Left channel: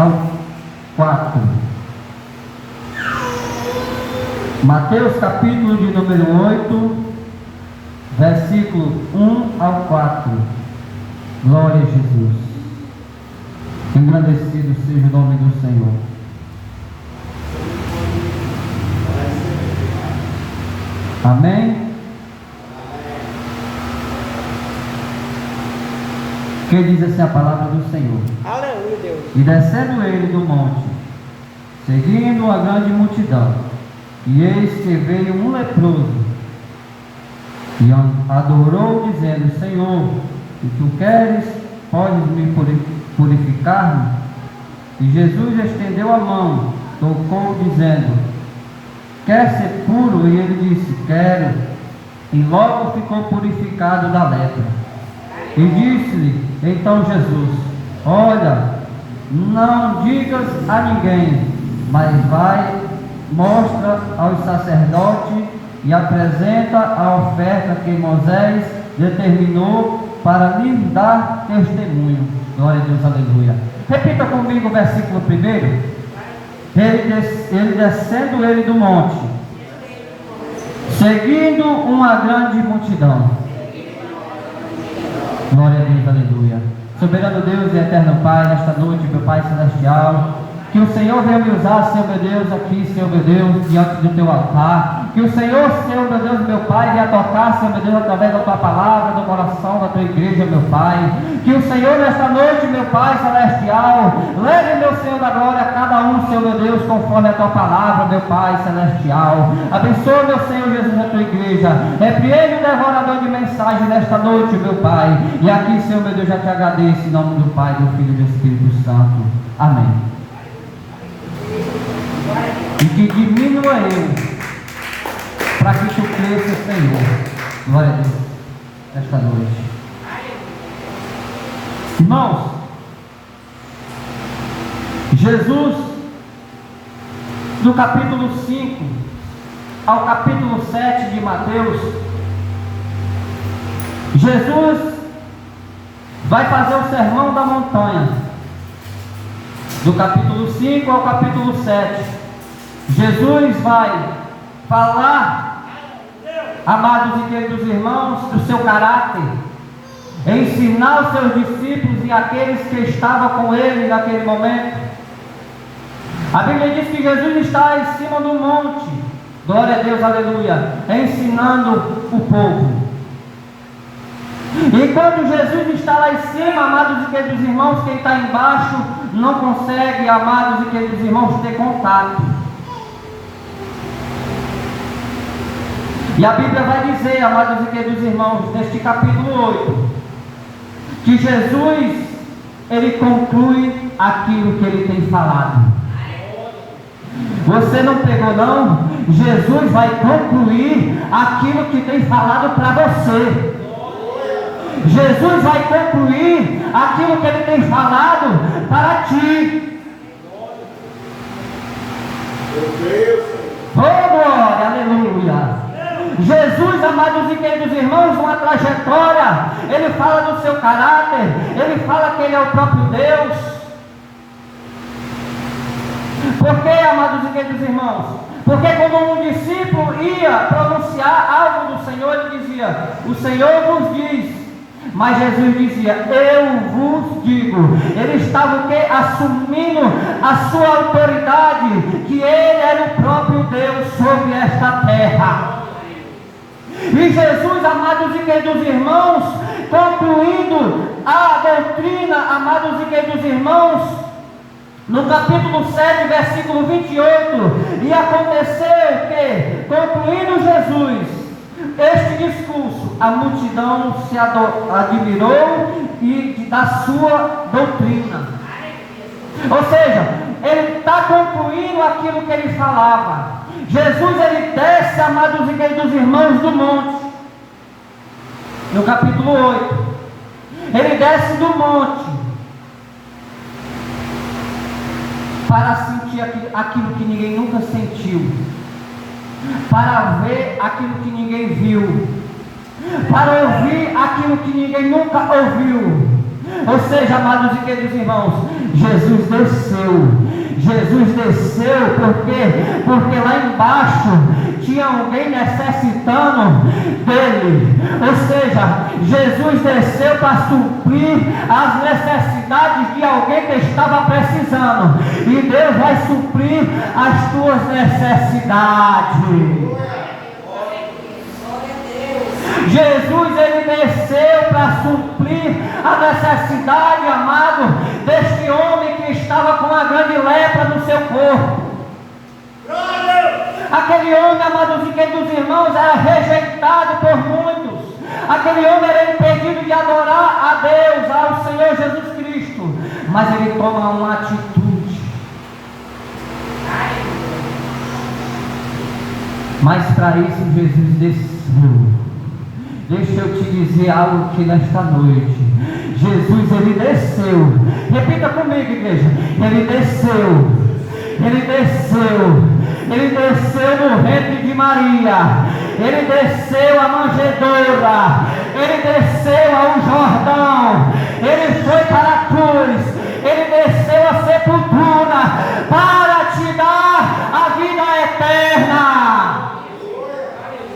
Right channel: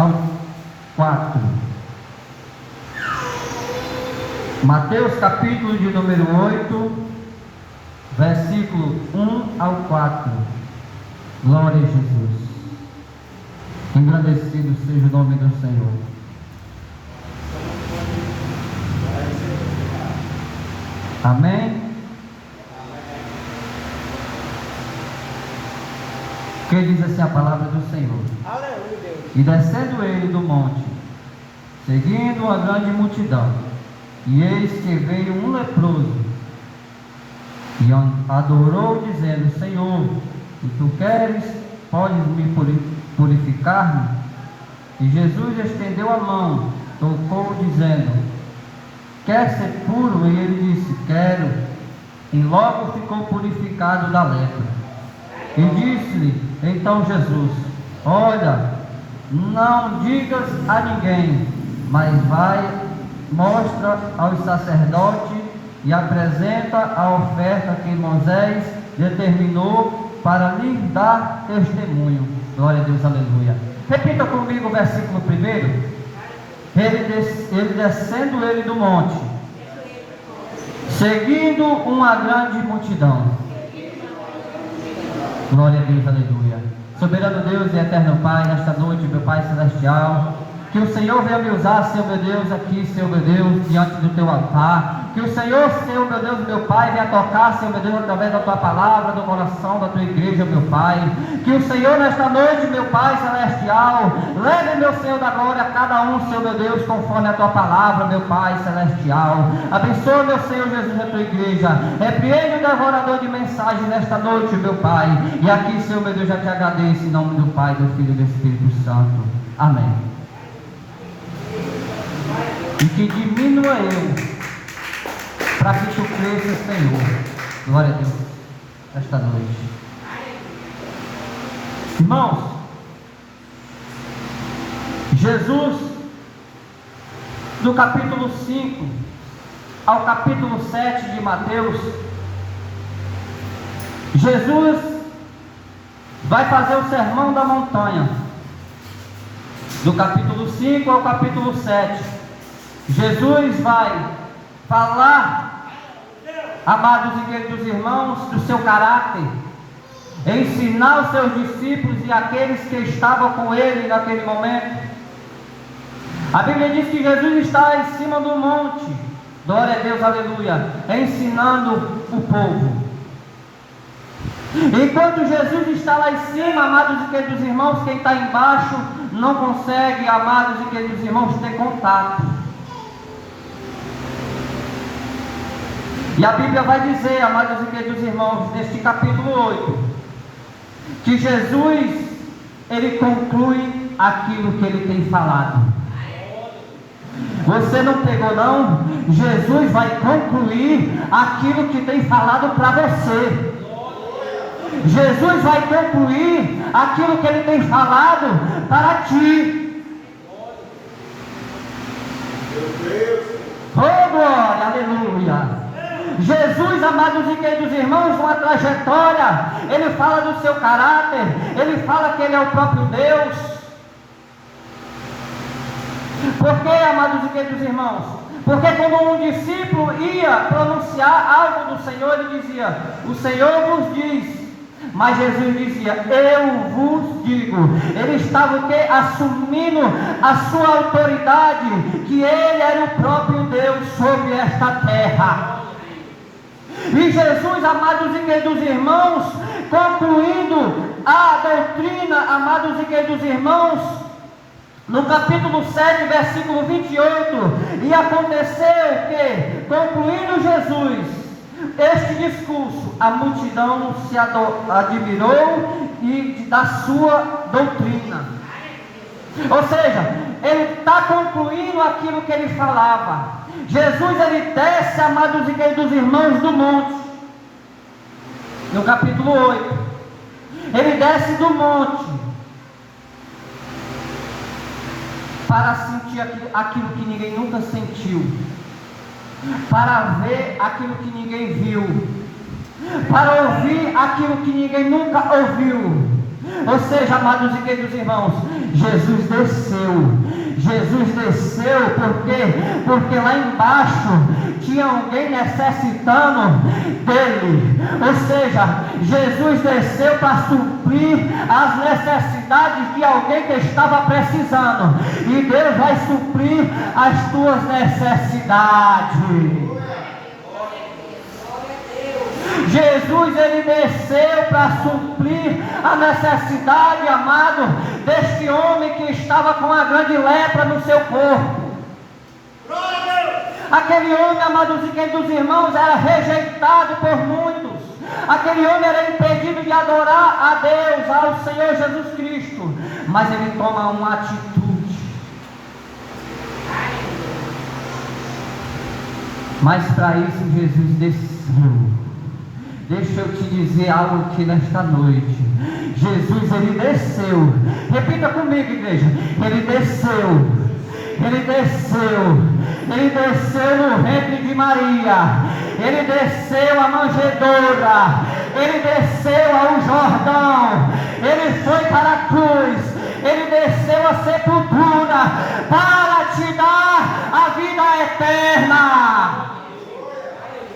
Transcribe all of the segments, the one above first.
ao 4. Mateus capítulo de número 8, versículo 1 ao 4. Glória a Jesus. Engrandecido seja o nome do Senhor. Amém? Que diz assim a palavra do Senhor. Aleluia, Deus. E descendo ele do monte, seguindo uma grande multidão, e eis que veio um leproso, e adorou, dizendo: Senhor, se tu queres, podes me purificar-me? E Jesus estendeu a mão, tocou, dizendo: quer ser puro? E ele disse: quero. E logo ficou purificado da lepra. E disse-lhe então Jesus: olha, não digas a ninguém, mas vai, mostra aos sacerdotes e apresenta a oferta que Moisés determinou para lhe dar testemunho. Glória a Deus, aleluia. Repita comigo o versículo 1. Ele descendo ele do monte, seguindo uma grande multidão. Glória a Deus, aleluia. Soberano Deus e eterno Pai, nesta noite, meu Pai celestial, que o Senhor venha me usar, Senhor meu Deus, aqui, Senhor meu Deus, diante do teu altar. Que o Senhor, Senhor meu Deus, meu Pai, venha tocar, Senhor meu Deus, através da tua palavra, do coração da tua igreja, meu Pai. Que o Senhor, nesta noite, meu Pai celestial, leve, meu Senhor da glória, a cada um, Senhor meu Deus, conforme a tua palavra, meu Pai celestial. Abençoa, meu Senhor Jesus, a tua igreja. Repreende o devorador de mensagem nesta noite, meu Pai. E aqui, Senhor meu Deus, já te agradeço em nome do Pai, do Filho e do Espírito Santo. Amém. E que diminua eu, para que tu cresça, Senhor. Glória a Deus, esta noite. Irmãos, Jesus, do capítulo 5 ao capítulo 7 de Mateus, Jesus vai fazer o sermão da montanha. Do capítulo 5 ao capítulo 7, Jesus vai falar, amados e queridos irmãos, do seu caráter, ensinar os seus discípulos e aqueles que estavam com ele naquele momento. A Bíblia diz que Jesus está em cima do monte, glória a Deus, aleluia, ensinando o povo. E quando Jesus está lá em cima, amados e queridos irmãos, quem está embaixo não consegue, amados e queridos irmãos, ter contato. E a Bíblia vai dizer, amados e queridos irmãos, neste capítulo 8, que Jesus, ele conclui aquilo que ele tem falado. Você não pegou não? Jesus vai concluir aquilo que tem falado para você. Jesus vai concluir aquilo que ele tem falado para ti. Oh, glória, aleluia. Jesus, amados e queridos irmãos, uma trajetória, ele fala do seu caráter, ele fala que ele é o próprio Deus. Por quê, amados e queridos irmãos? Porque quando um discípulo ia pronunciar algo do Senhor, ele dizia: o Senhor vos diz. Mas Jesus dizia: eu vos digo. Ele estava o quê? Assumindo a sua autoridade, que ele era o próprio Deus sobre esta terra. E Jesus, amados e queridos irmãos, concluindo a doutrina, amados e queridos irmãos, no capítulo 7, versículo 28, e aconteceu que, concluindo Jesus este discurso, a multidão se admirou e da sua doutrina. Ou seja, ele está concluindo aquilo que ele falava. Jesus, ele desce, amados e queridos irmãos, do monte. No capítulo 8, ele desce do monte para sentir aquilo que ninguém nunca sentiu, para ver aquilo que ninguém viu, para ouvir aquilo que ninguém nunca ouviu, Ou seja, amados e queridos irmãos, Jesus desceu, porque lá embaixo tinha alguém necessitando dele. Ou seja, Jesus desceu para suprir as necessidades de alguém que estava precisando, e Deus vai suprir as tuas necessidades. Jesus, ele desceu para suprir a necessidade, amado, deste homem que estava com uma grande lepra no seu corpo. Aquele homem, amados e queridos irmãos, era rejeitado por muitos. Aquele homem era impedido de adorar a Deus, ao Senhor Jesus Cristo. Mas ele toma uma atitude. Mas para isso Jesus desceu. Deixa eu te dizer algo aqui nesta noite. Jesus, ele desceu. Repita comigo, igreja. Ele desceu. Ele desceu. Ele desceu no ventre de Maria. Ele desceu a manjedoura. Ele desceu ao Jordão. Ele foi para a cruz. Ele desceu a sepultura para te dar a vida eterna.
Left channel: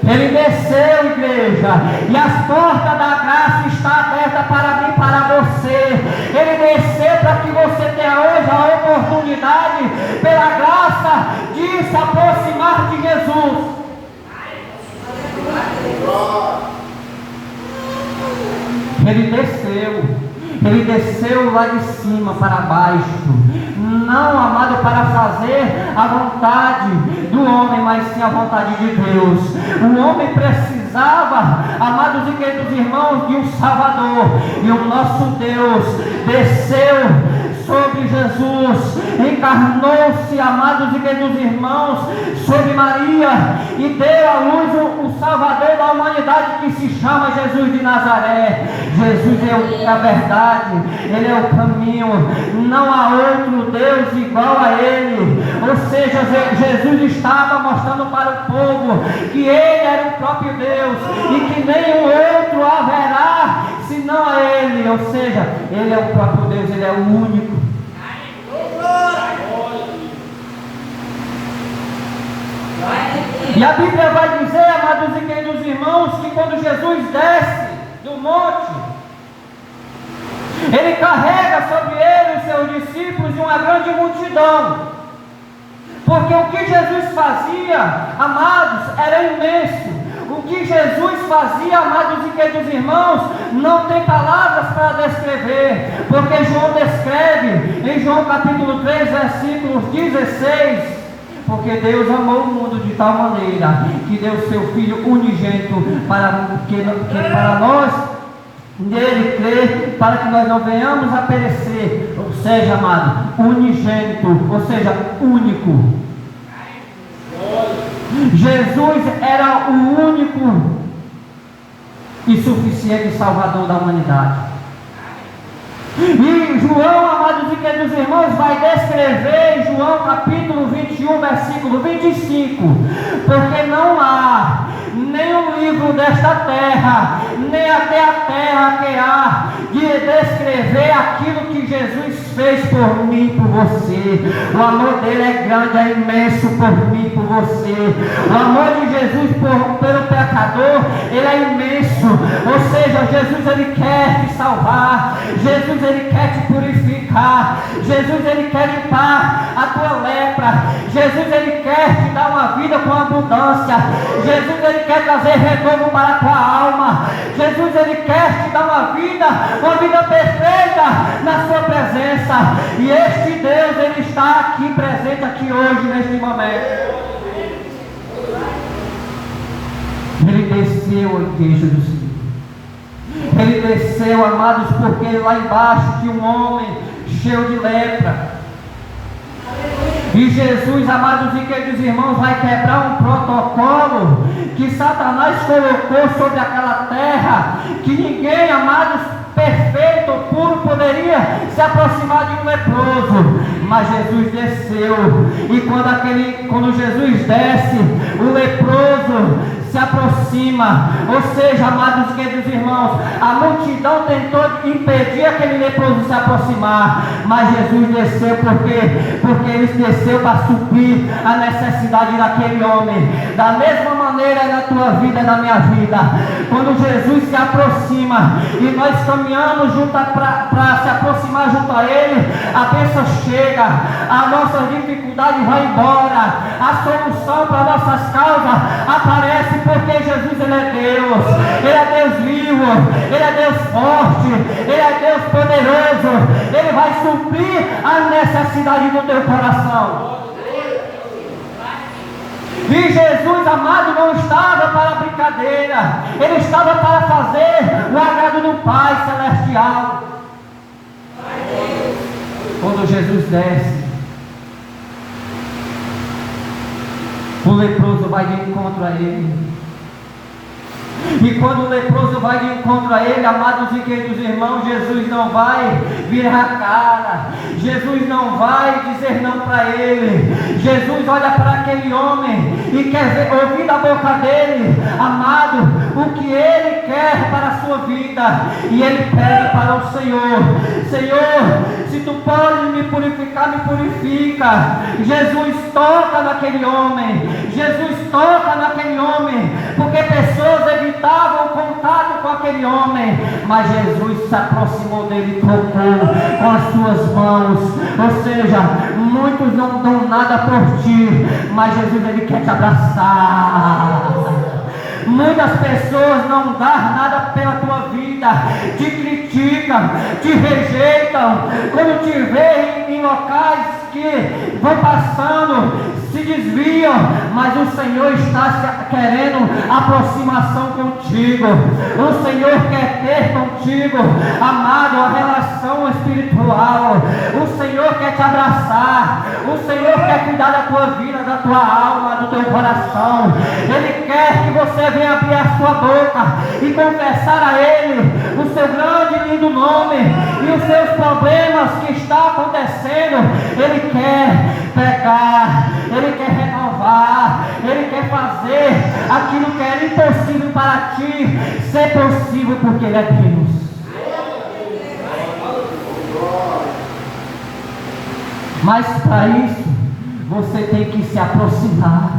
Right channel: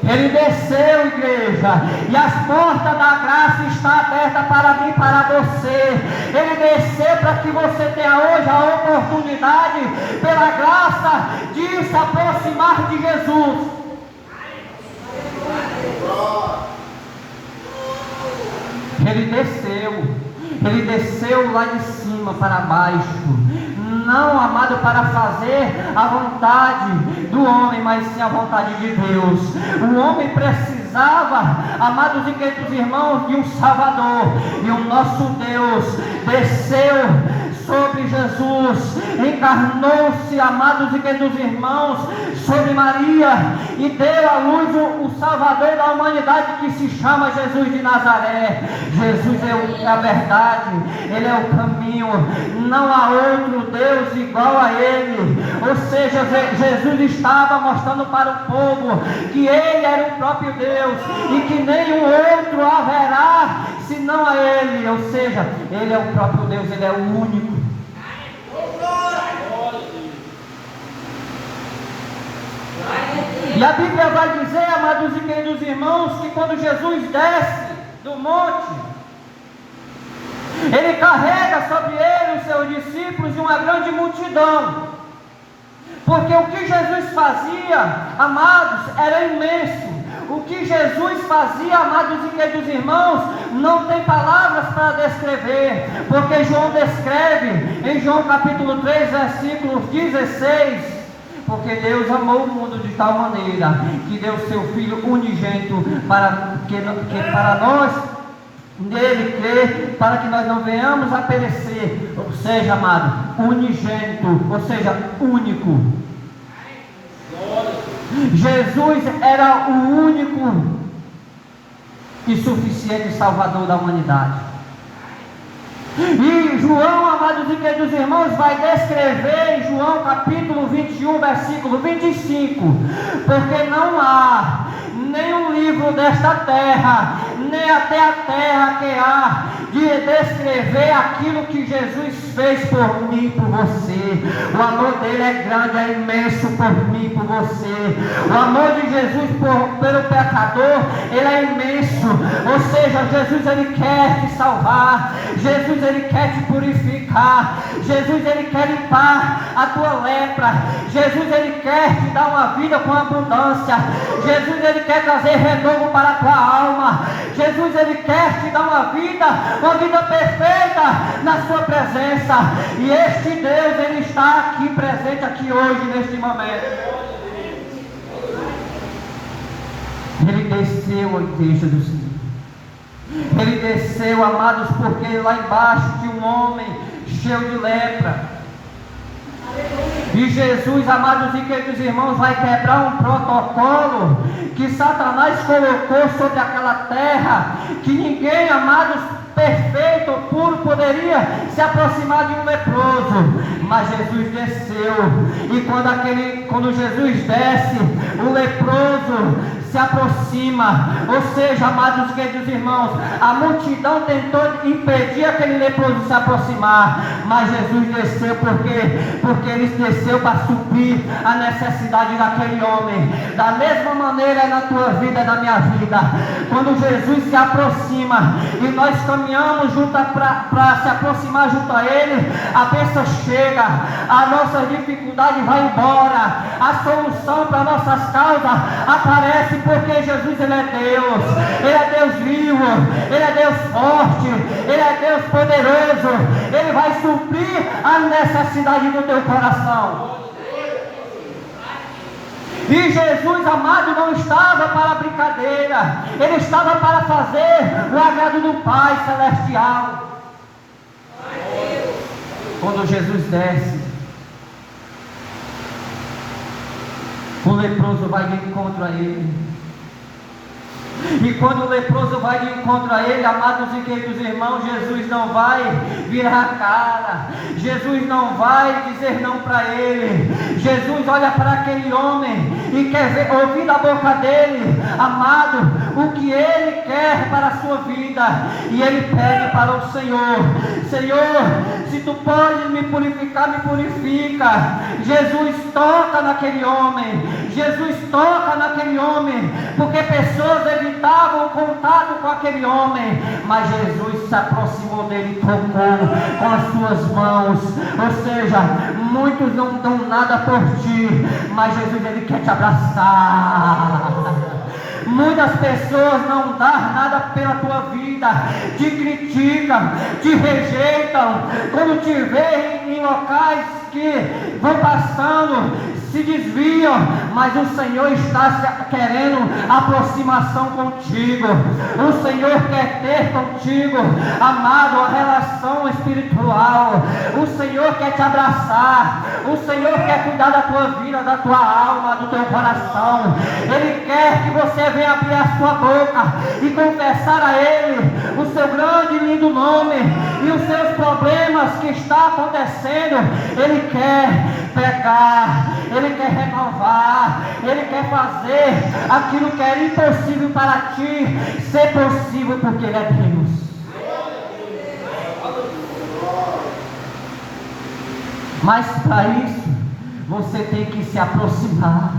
Ele desceu, igreja, e as portas da graça estão abertas para mim e para você. Ele desceu para que você tenha hoje a oportunidade, pela graça, de se aproximar de Jesus. Ele desceu lá de cima para baixo. Não, amado, para fazer a vontade do homem, mas sim a vontade de Deus. O homem precisava, amados e queridos irmãos, de um Salvador. E o nosso Deus desceu sobre Jesus, encarnou-se, amados e queridos irmãos, sobre Maria, e deu à luz o Salvador da humanidade, que se chama Jesus de Nazaré. Jesus é a verdade, Ele é o caminho, não há outro Deus igual a Ele. Ou seja, Jesus estava mostrando para o povo que Ele era o próprio Deus, e que nenhum outro haverá senão a Ele. Ou seja, Ele é o próprio Deus, Ele é o único. E a Bíblia vai dizer, amados e queridos irmãos, que quando Jesus desce do monte, Ele carrega sobre Ele os seus discípulos e uma grande multidão. Porque o que Jesus fazia, amados, era imenso. O que Jesus fazia, amados e queridos irmãos, não tem palavras para descrever. Porque João descreve em João capítulo 3, versículos 16. Porque Deus amou o mundo de tal maneira que deu seu Filho unigênito para que para nós nele crer, para que nós não venhamos a perecer. Ou seja, amado, unigênito, ou seja, único. Jesus era o único e suficiente Salvador da humanidade. E João, amados e queridos irmãos, vai descrever em João capítulo 21, versículo 25: porque não há nenhum livro desta terra, nem até a terra que há de descrever aquilo que Jesus fez por mim e por você. O amor dele é grande, é imenso por mim e por você. O amor de Jesus pelo pecador, ele é imenso. Ou seja, Jesus, ele quer te salvar. Jesus, ele quer te purificar. Jesus, ele quer limpar a tua lepra. Jesus, ele quer te dar uma vida com abundância. Jesus, ele quer trazer retorno para a tua alma. Jesus, ele quer te dar uma vida perfeita na sua presença. E este Deus, ele está aqui presente aqui hoje, neste momento. Ele desceu a igreja do Senhor. Ele desceu, amados, porque lá embaixo tinha um homem cheio de lepra. E Jesus, amados e queridos irmãos, vai quebrar um protocolo que Satanás colocou sobre aquela terra, que ninguém, amados, perfeito ou puro poderia se aproximar de um leproso. Mas Jesus desceu, e quando Jesus desce, o leproso se aproxima. Ou seja, amados e queridos irmãos, a multidão tentou impedir aquele leproso se aproximar, mas Jesus desceu porque ele desceu para suprir a necessidade daquele homem. Da mesma maneira é na tua vida e na minha vida. Quando Jesus se aproxima e nós caminhamos junto para se aproximar junto a Ele, a bênção chega, a nossa dificuldade vai embora, a solução para nossas causas aparece, porque Jesus Ele é Deus, Ele é Deus vivo, Ele é Deus forte, Ele é Deus poderoso, Ele vai suprir a necessidade do teu coração. E Jesus, amado, não estava para brincadeira, Ele estava para fazer o agrado do Pai Celestial. Quando Jesus desce, o leproso vai de encontro a Ele. E quando o leproso vai de encontro a Ele, amados e queridos irmãos, Jesus não vai virar a cara, Jesus não vai dizer não para ele. Jesus olha para aquele homem e quer ouvir da boca dele, amado, o que ele quer para a sua vida. E ele pede para o Senhor: Senhor, se tu podes me purificar, me purifica. Jesus toca naquele homem, Jesus toca naquele homem, porque pessoas evitavam o contato com aquele homem, mas Jesus se aproximou dele e tocou com as suas mãos. Ou seja, muitos não dão nada por ti, mas Jesus Ele quer te abraçar. Muitas pessoas não dão nada pela tua vida, te criticam, te rejeitam, quando te veem em locais que vão passando, se desviam, mas o Senhor está querendo aproximação contigo. O Senhor quer ter contigo, amado, a relação espiritual. O Senhor quer te abraçar, o Senhor quer cuidar da tua vida, da tua alma, do teu coração. Ele quer que você venha abrir a sua boca e confessar a Ele o seu grande e lindo nome e os seus problemas que está acontecendo. Ele quer pegar, Ele quer renovar, Ele quer fazer aquilo que era impossível para ti ser possível, porque Ele é Deus. Mas para isso você tem que se aproximar,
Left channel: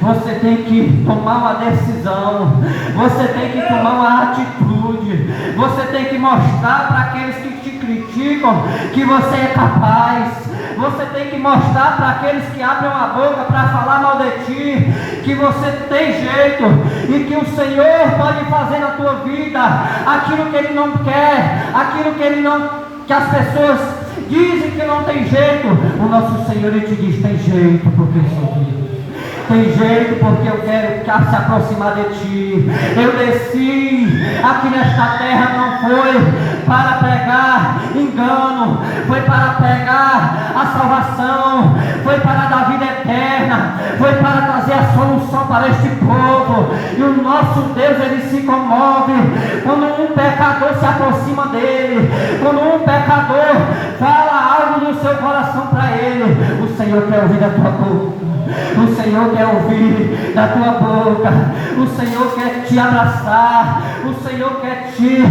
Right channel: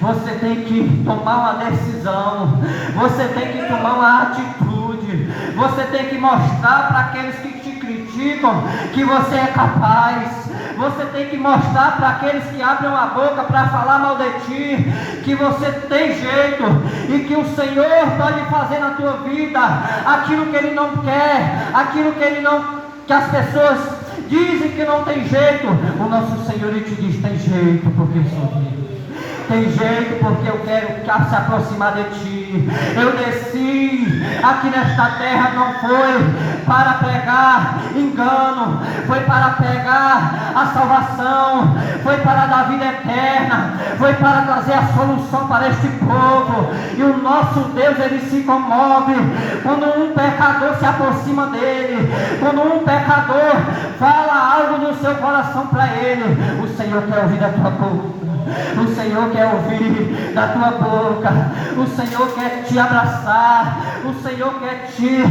você tem que tomar uma decisão, você tem que tomar uma atitude, você tem que mostrar para aqueles que te criticam que você é capaz. Você tem que mostrar para aqueles que abrem a boca para falar mal de ti, que você tem jeito e que o Senhor pode fazer na tua vida aquilo que Ele não quer, aquilo que Ele não, que as pessoas dizem que não tem jeito. O nosso Senhor, Ele te diz: tem jeito, porque eu sou Deus. Tem jeito, porque eu quero se aproximar de ti. Eu desci aqui nesta terra, não foi para pregar engano, foi para pregar a salvação, foi para dar vida eterna, foi para trazer a solução para este povo. E o nosso Deus, Ele se comove quando um pecador se aproxima dele, quando um pecador fala algo no seu coração para Ele. O Senhor quer ouvir da tua boca, o Senhor quer ouvir da tua boca, o Senhor quer te abraçar, o Senhor quer te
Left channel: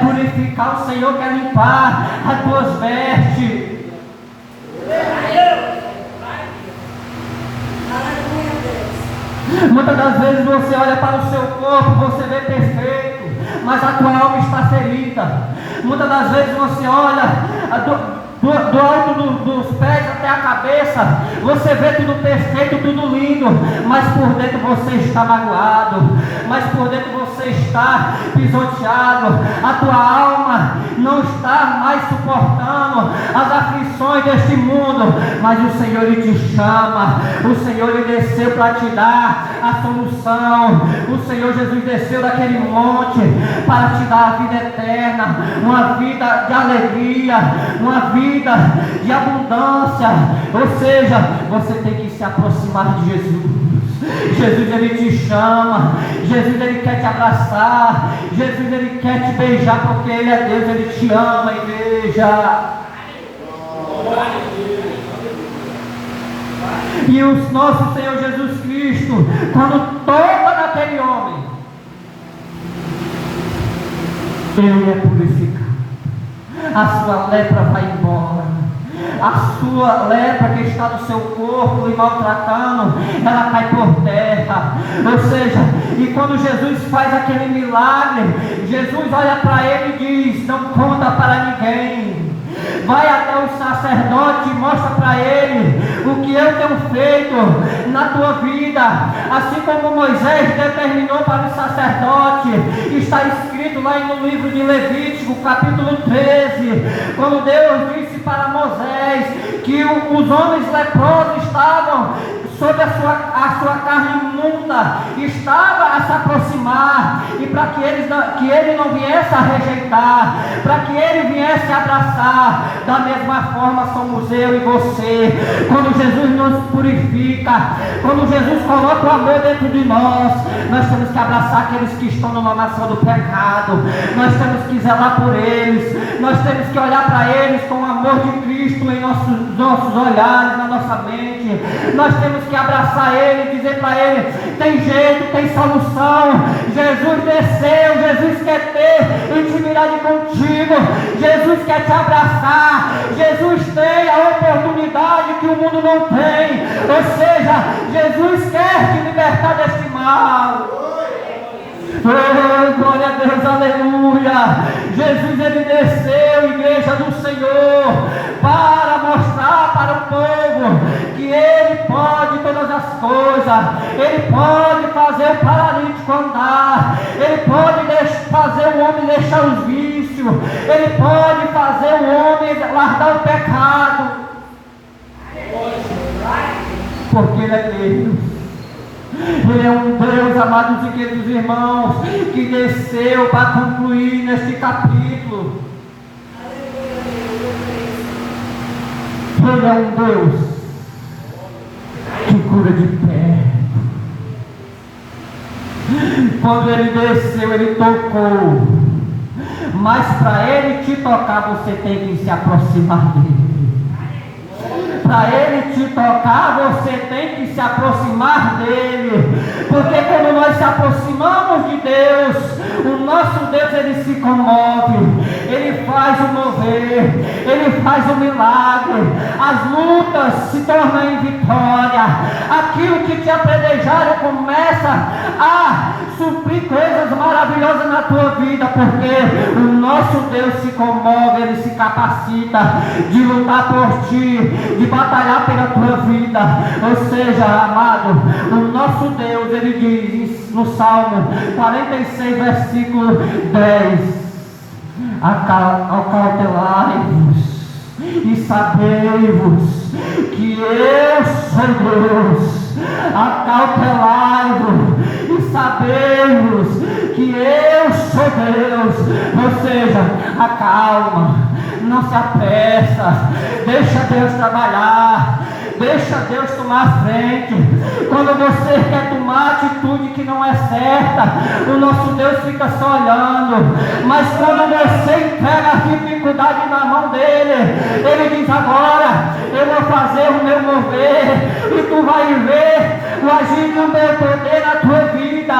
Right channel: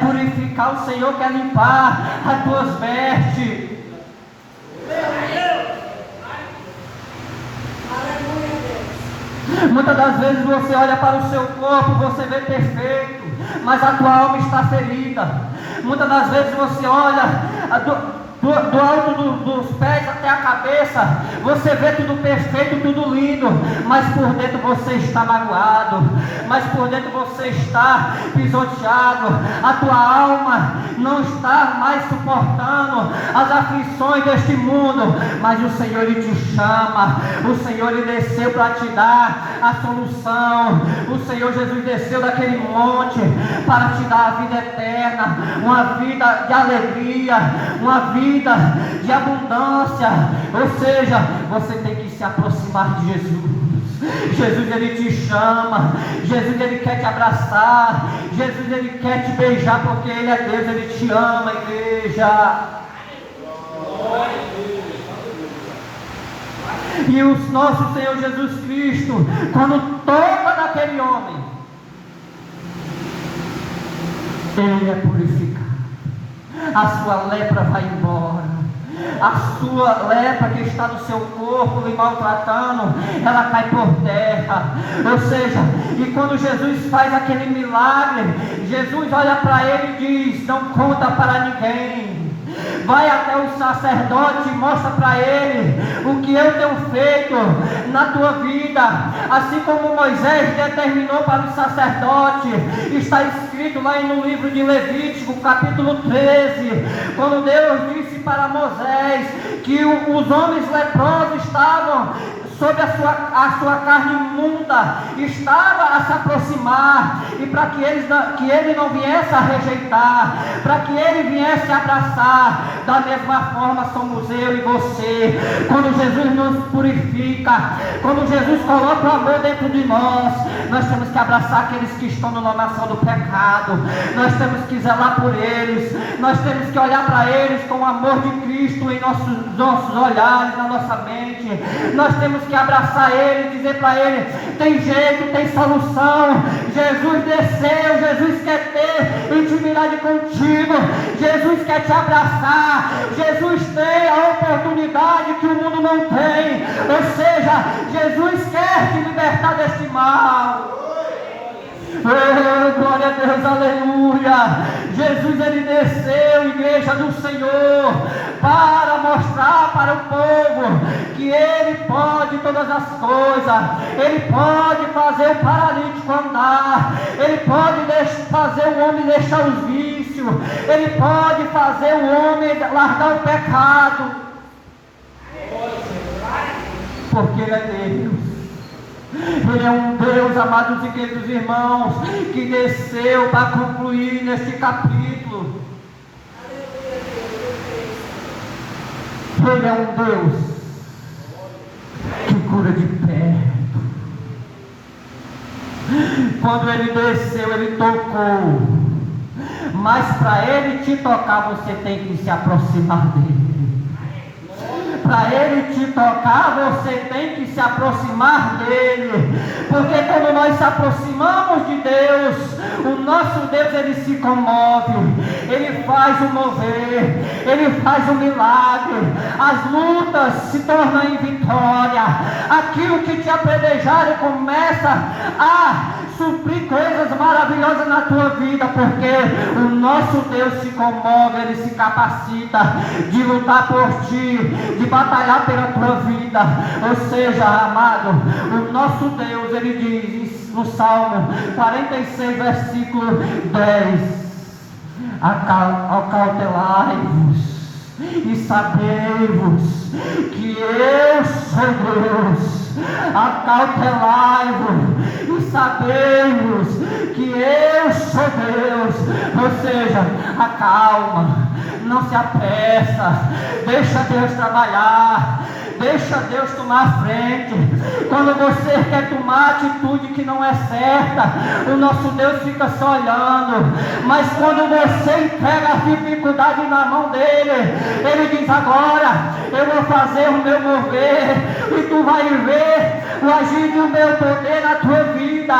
purificar, o Senhor quer limpar as tuas vestes. Muitas das vezes você olha para o seu corpo, você vê perfeito, mas a tua alma está ferida. Muitas das vezes você olha do alto dos pés até a cabeça, você vê tudo perfeito, tudo lindo, mas por dentro você está magoado, mas por dentro você está pisoteado. A tua alma não está mais suportando as aflições deste mundo, mas o Senhor Ele te chama, o Senhor Ele desceu para te dar a solução. O Senhor Jesus desceu daquele monte para te dar a vida eterna, uma vida de alegria, uma vida de abundância. Ou seja, você tem que se aproximar de Jesus. Jesus Ele te chama, Jesus Ele quer te abraçar, Jesus Ele quer te beijar, porque Ele é Deus, Ele te ama, igreja. E o nosso Senhor Jesus Cristo, quando toca na aquele homem, ele é purificado. A sua lepra vai embora. A sua lepra que está no seu corpo lhe maltratando, ela cai por terra. Ou seja, e quando Jesus faz aquele milagre, Jesus olha para ele e diz: não conta para ninguém. Vai até o sacerdote e mostra para ele o que eu tenho feito na tua vida. Assim como Moisés determinou para o sacerdote, está escrito lá no livro de Levítico, capítulo 13, quando Deus disse para Moisés que os homens leprosos estavam sobre a sua carne imunda, estava a se aproximar, e para que ele não viesse a rejeitar, para que ele viesse a abraçar, da mesma forma somos eu e você. Quando Jesus nos purifica, quando Jesus coloca o amor dentro de nós temos que abraçar aqueles que estão no lamaçal do pecado, nós temos que zelar por eles, nós temos que olhar para eles com o amor de Cristo em nossos olhares, na nossa mente. Nós temos que abraçar ele, dizer para ele: tem jeito, tem solução. Jesus desceu, Jesus quer ter intimidade contigo, Jesus quer te abraçar, Jesus tem a oportunidade que o mundo não tem. Ou seja, Jesus quer te libertar deste mal. Oh, glória a Deus, aleluia. Jesus, ele desceu, igreja do Senhor, para mostrar para o povo que ele pode todas as coisas. Ele pode fazer o paralítico andar, ele pode fazer o homem deixar os vícios, ele pode fazer o homem largar o pecado, porque ele é Deus. Ele é um Deus, amados e queridos irmãos, que desceu para concluir neste capítulo. Ele é um Deus que cura de perto. Quando ele desceu, ele tocou. Mas para ele te tocar, você tem que se aproximar dele. Para ele te tocar, você tem que se aproximar dele. Porque quando nós se aproximamos de Deus, o nosso Deus, ele se comove, ele faz o mover, ele faz o milagre. As lutas se tornam em vitória. Aquilo que te apedrejaram começa a suprir coisas maravilhosas na tua vida, porque o nosso Deus se comove, ele se capacita de lutar por ti, de batalhar pela tua vida. Ou seja, amado, o nosso Deus, ele diz no Salmo 46, versículo 10: acautelai-vos e sabei-vos que eu sou Deus. Acautelai-vos e sabei-vos que eu sou Deus. Ou seja, acalma, não se apressa, deixa Deus trabalhar, deixa Deus tomar a frente. Quando você quer tomar atitude que não é certa, o nosso Deus fica só olhando. Mas quando você entrega a dificuldade na mão dele, ele diz: agora eu vou fazer o meu mover, e tu vai ver o agir do meu poder na tua vida,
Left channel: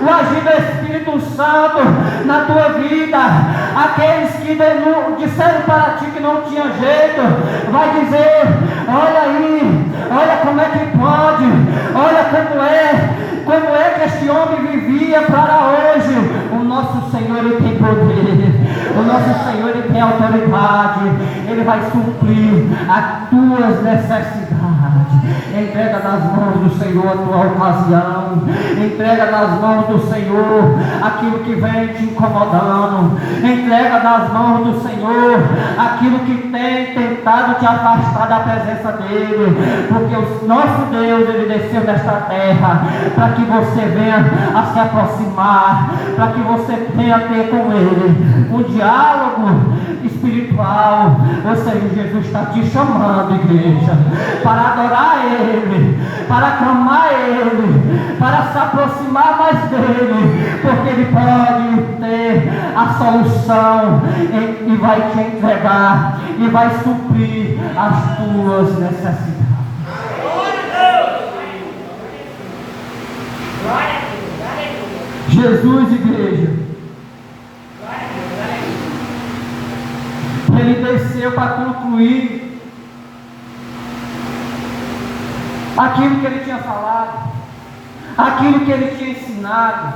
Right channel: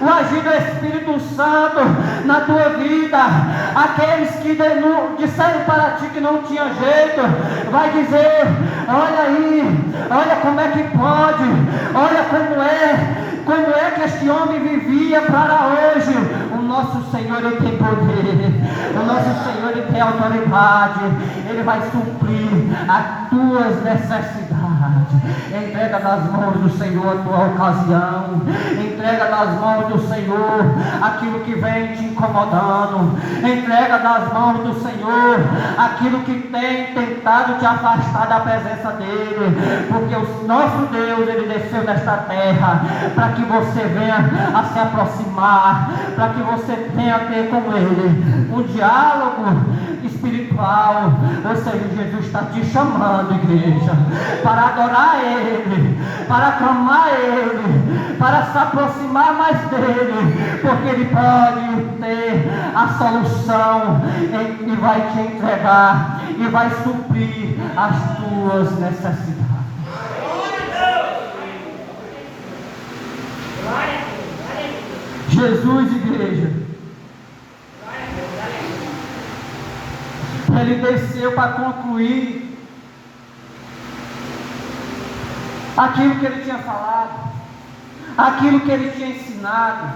o agir do Espírito Santo na tua vida. Aqueles que disseram para ti que não tinha jeito, vai dizer: olha aí, olha como é que pode, olha como é que este homem vivia para hoje. O nosso Senhor, ele tem poder, o nosso Senhor, ele tem autoridade, ele vai suprir as tuas necessidades. Entrega nas mãos do Senhor a tua ocasião, entrega nas mãos do Senhor aquilo que vem te incomodando, entrega nas mãos do Senhor aquilo que tem tentado te afastar da presença dele, porque o nosso Deus, ele desceu nesta terra para que você venha a se aproximar, para que você venha ter com ele um diálogo espiritual. Ou seja, Jesus está te chamando, igreja, para adorar ele, para clamar ele, para se aproximar mais dele, porque ele pode ter a solução e vai te entregar e vai suprir as tuas necessidades. Jesus, igreja, Ele desceu para concluir aquilo que Ele tinha falado, aquilo que Ele tinha ensinado.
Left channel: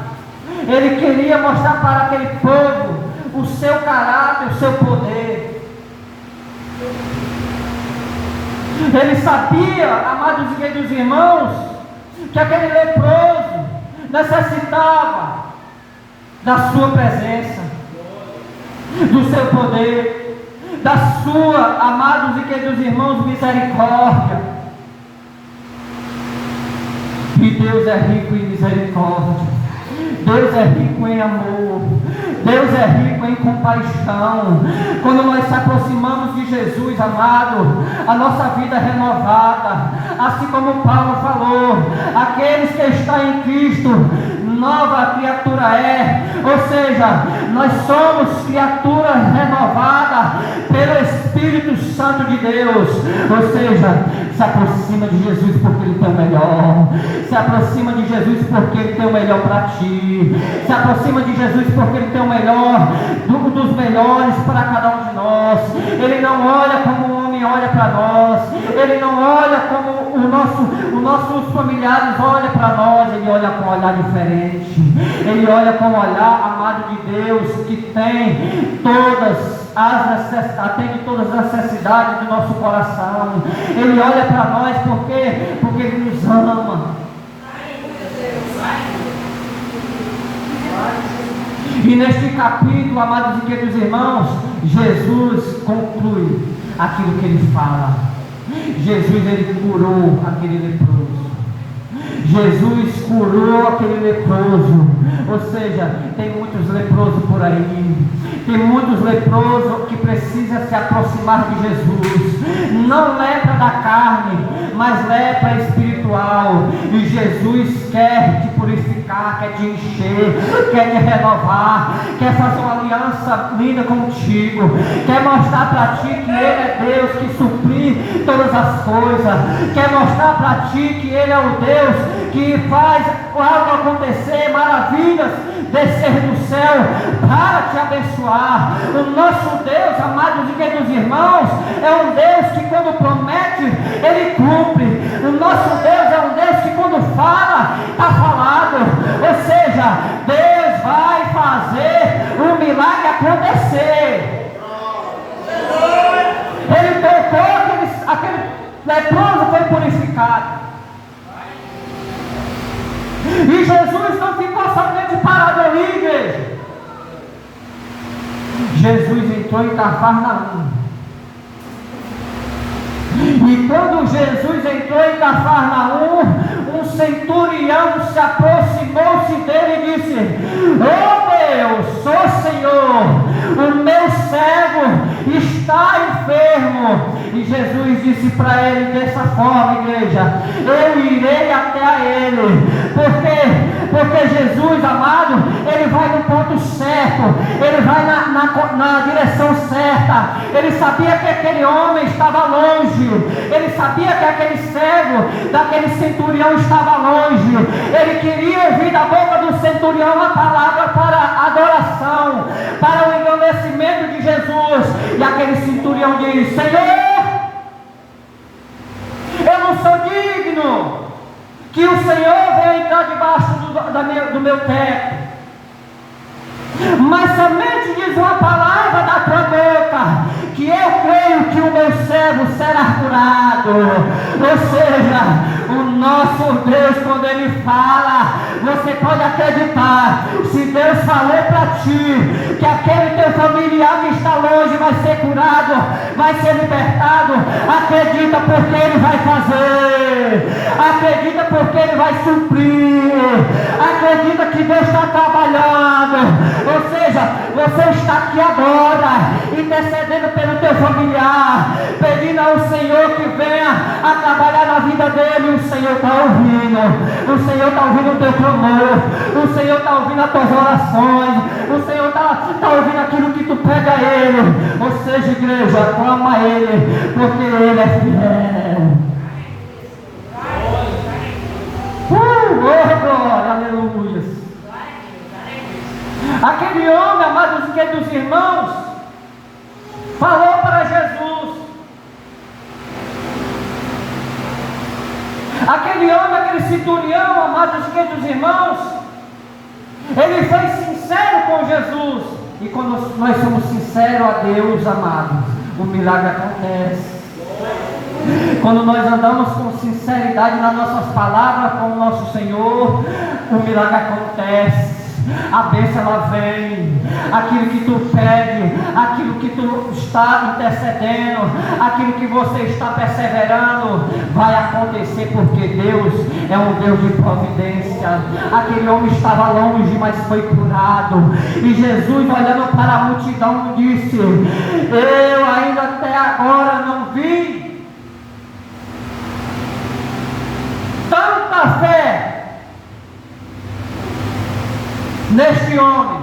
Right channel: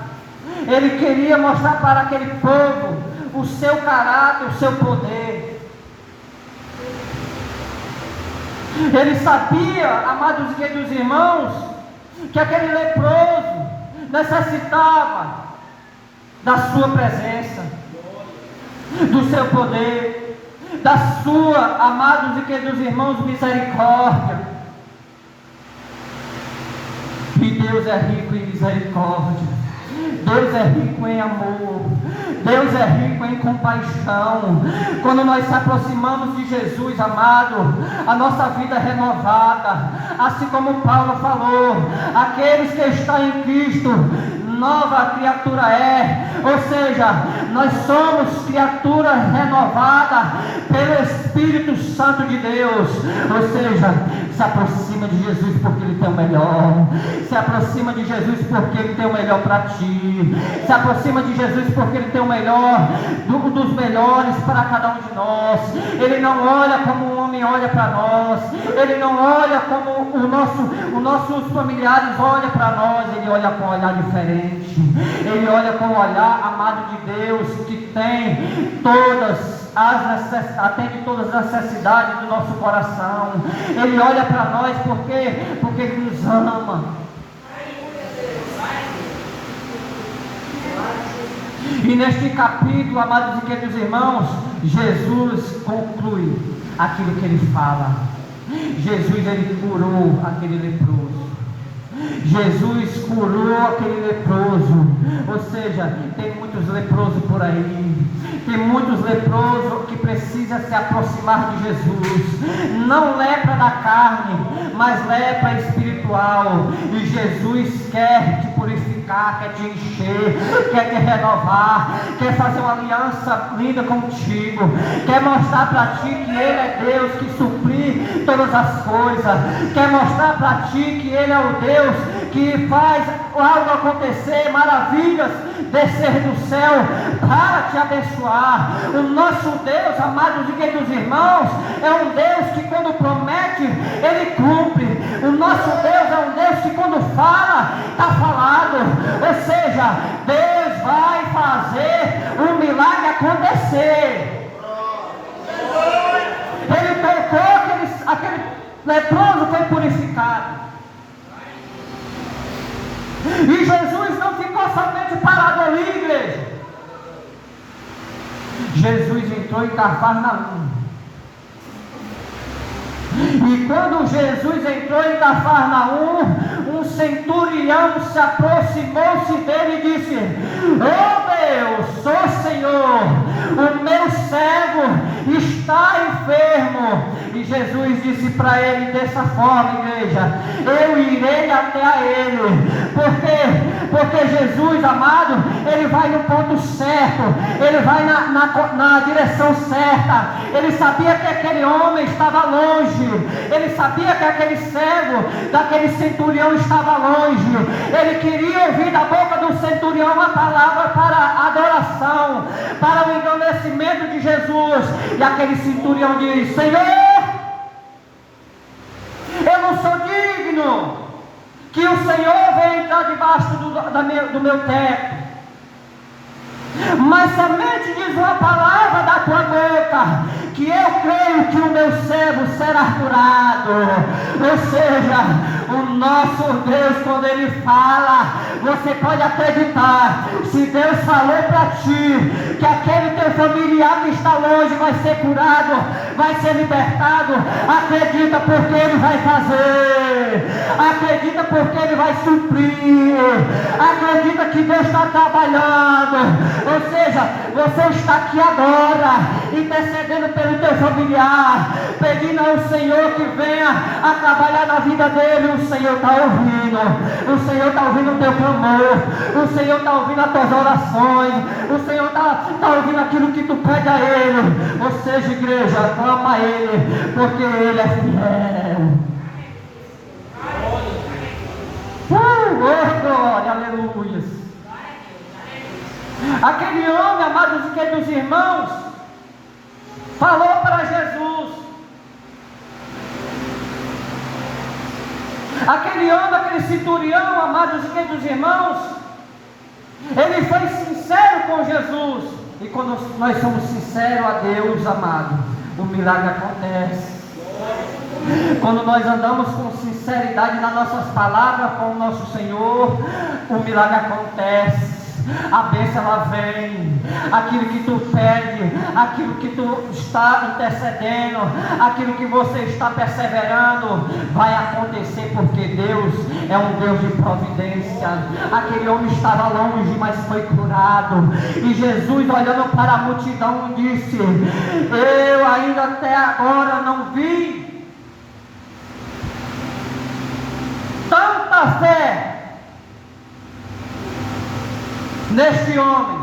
Ele queria mostrar para aquele povo o seu caráter, o seu poder. Ele sabia, amados e queridos irmãos, que aquele leproso necessitava da sua presença, do seu poder, da sua, amados e queridos irmãos, misericórdia. E Deus é rico em misericórdia, Deus é rico em amor, Deus é rico em compaixão. Quando nós se aproximamos de Jesus, amado, a nossa vida é renovada. Assim como Paulo falou, aqueles que estão em Cristo, nova criatura é. Ou seja, nós somos criaturas renovadas pelo Espírito Santo de Deus. Ou seja, se aproxima de Jesus porque Ele tem o melhor. Se aproxima de Jesus porque Ele tem o melhor para ti. Se aproxima de Jesus porque Ele tem o melhor, dos melhores para cada um de nós. Ele não olha como o homem olha para nós. Ele não olha como os nossos familiares olham para nós. Ele olha com um olhar diferente. Ele olha com o olhar, amado de Deus, que tem atende todas as necessidades do nosso coração. Ele olha para nós porque Ele nos ama. E neste capítulo, amados e queridos irmãos, Jesus conclui aquilo que Ele fala. Jesus, Ele curou aquele leproso. Jesus curou aquele leproso. Ou seja, tem muitos leprosos por aí. Tem muitos leprosos que precisam se aproximar de Jesus. Não lepra da carne, mas lepra espiritual. E Jesus quer te purificar, quer te encher, quer te renovar, quer fazer uma aliança linda contigo, quer mostrar para ti que Ele é Deus que suprir todas as coisas, quer mostrar para ti que Ele é o Deus que faz algo acontecer, maravilhas descer do céu para te abençoar. O nosso Deus, amados e queridos irmãos, é um Deus que quando promete, Ele cumpre. O nosso Deus é um Deus que quando fala, está falado. Ou seja, Deus vai fazer o milagre acontecer. Ele tocou aquele leproso, foi purificado. E Jesus não ficou somente parado ali, igreja. Jesus entrou em Cafarnaum. E quando Jesus entrou em Cafarnaum, um centurião se aproximou-se dele e disse: "Oh Deus, sou Senhor, o meu servo está enfermo." E Jesus disse para ele dessa forma, igreja: "Eu irei até a ele." Porque Jesus, amado, Ele vai no ponto certo, Ele vai na direção certa. Ele sabia que aquele homem estava longe, Ele sabia que aquele servo daquele centurião estava longe. Ele queria ouvir da boca do centurião a palavra para adoração, para o engrandecimento de Jesus. E aquele centurião diz: "Senhor, eu não sou digno que o Senhor venha entrar debaixo do meu teto, mas somente diz uma palavra da tua boca, que eu creio que o meu servo será curado." Ou seja, o nosso Deus, quando Ele fala, você pode acreditar. Se Deus falou para ti que aquele teu familiar que está longe vai ser curado, vai ser libertado, acredita, porque Ele vai fazer. Acredita, porque Ele vai suprir. Acredita que Deus está trabalhando. Ou seja, você está aqui agora intercedendo pelo teu familiar, pedindo ao Senhor que venha a trabalhar na vida dele. O Senhor está ouvindo. O Senhor está ouvindo o teu clamor. O Senhor está ouvindo as tuas orações. O Senhor está ouvindo aquilo que tu pede a Ele. Ou seja, igreja, clama a Ele, porque Ele é fiel. Oh, glória, aleluia. Aquele homem, aquele centurião, amados queridos irmãos, ele foi sincero com Jesus. E quando nós somos sinceros a Deus, amados, o milagre acontece. Quando nós andamos com sinceridade nas nossas palavras com o nosso Senhor, o milagre acontece. A bênção ela vem. Aquilo que tu pede, aquilo que tu está intercedendo, aquilo que você está perseverando, vai acontecer, porque Deus é um Deus de providência. Aquele homem estava longe, mas foi curado. E Jesus, olhando para a multidão, disse: eu ainda até agora não vi tanta fé neste homem.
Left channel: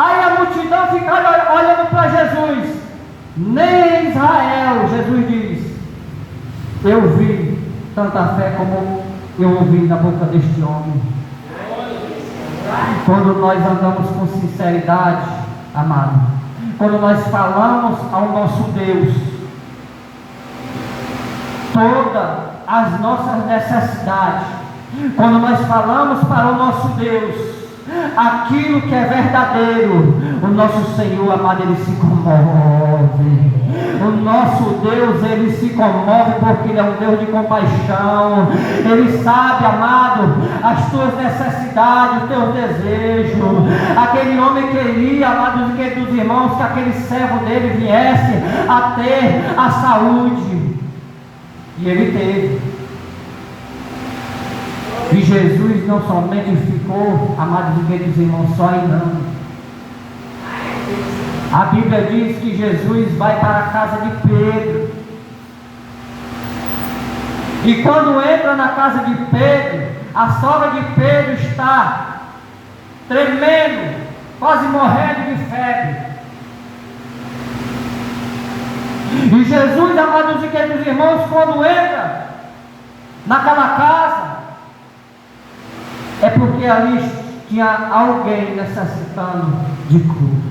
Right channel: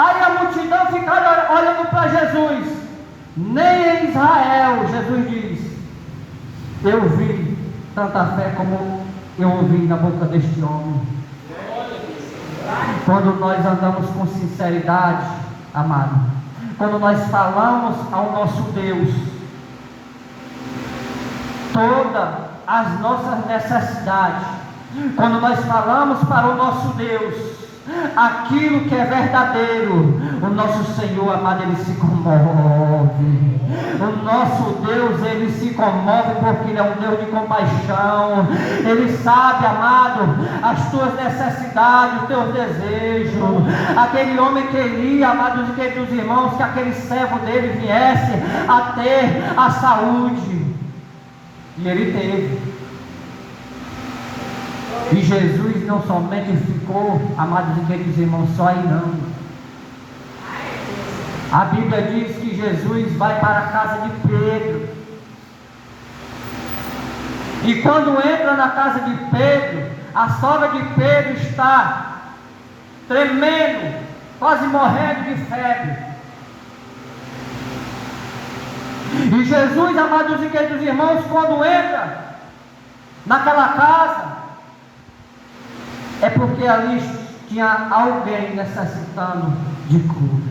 Aí a multidão ficaram olhando para Jesus. Nem Israel, Jesus diz, eu vi tanta fé como eu ouvi na boca deste homem. Quando nós andamos com sinceridade, amado, quando nós falamos ao nosso Deus todas as nossas necessidades, quando nós falamos para o nosso Deus aquilo que é verdadeiro, o nosso Senhor, amado, ele se comove. O nosso Deus, ele se comove porque ele é um Deus de compaixão. Ele sabe, amado, as tuas necessidades, os teus desejos. Aquele homem queria, amados e queridos irmãos, que aquele servo dele viesse a ter a saúde. E ele teve. E Jesus não somente ficou, amados e queridos irmãos, só ainda. A Bíblia diz que Jesus vai para a casa de Pedro. E quando entra na casa de Pedro, a sogra de Pedro está tremendo, quase morrendo de febre. E Jesus, amados e queridos irmãos, quando entra naquela casa, é porque ali tinha alguém necessitando de cura.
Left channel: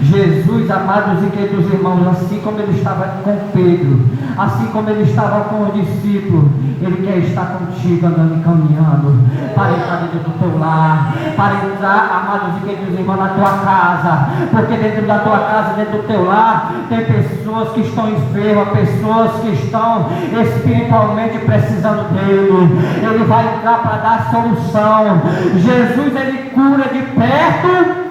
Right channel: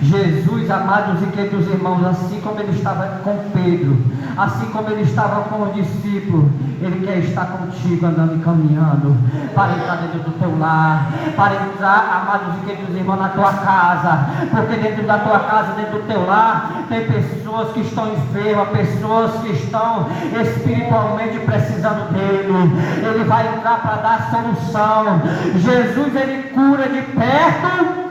Jesus, amados e queridos irmãos, assim como ele estava com Pedro, assim como ele estava com os discípulos, ele quer estar contigo andando e caminhando, para entrar dentro do teu lar, para entrar, amados e queridos irmãos, na tua casa, porque dentro da tua casa, dentro do teu lar, tem pessoas que estão enfermas, pessoas que estão espiritualmente precisando dele. Ele vai entrar para dar solução. Jesus, ele cura de perto,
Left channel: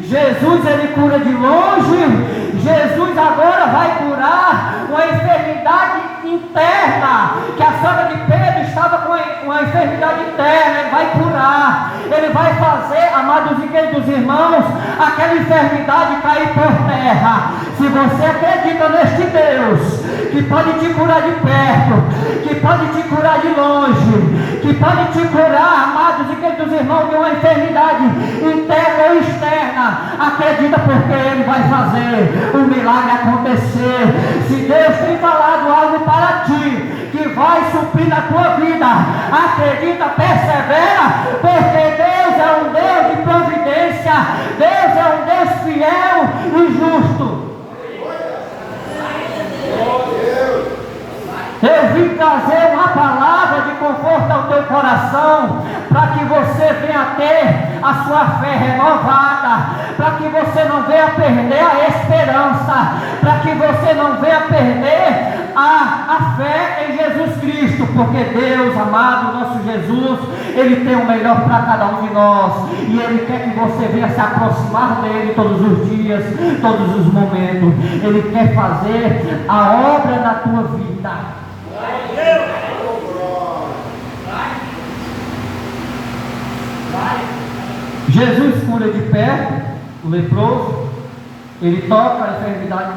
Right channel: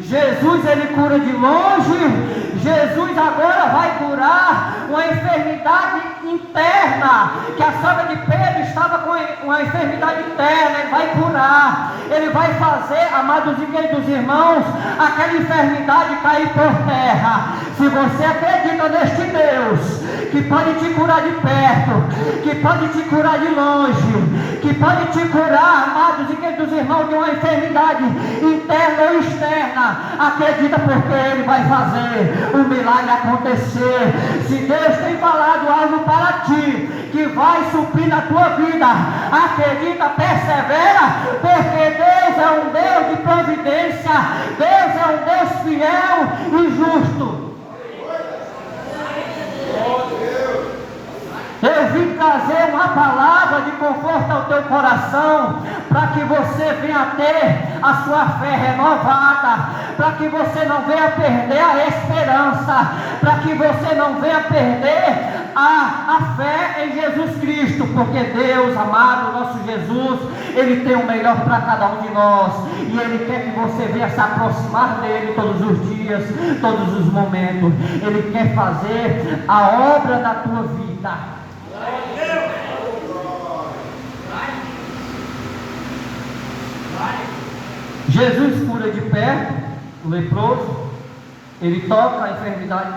Jesus, ele cura de longe. Jesus agora vai curar uma enfermidade interna, que a sogra de Pedro estava com uma enfermidade interna. Ele vai curar, ele vai fazer, amados e queridos irmãos, aquela enfermidade cair por terra. Se você acredita neste Deus, que pode te curar de perto, que pode te curar de longe, que pode te curar, amados e queridos irmãos, de uma enfermidade interna ou externa, acredita, porque ele vai fazer o milagre acontecer. Se Deus tem falado algo para ti, que vai suprir na tua vida, acredita, persevera, porque Deus é um Deus de providência, Deus é um Deus fiel e justo. Eu vim trazer uma palavra de conforto ao teu coração, para que você venha ter a sua fé renovada, para que você não venha perder a esperança, para que você não venha perder a fé em Jesus Cristo, porque Deus, amado, nosso Jesus, ele tem o melhor para cada um de nós, e ele quer que você venha se aproximar dele todos os dias, todos os momentos. Ele quer fazer a obra da tua vida. Jesus cura de perto o leproso, ele toca a enfermidade.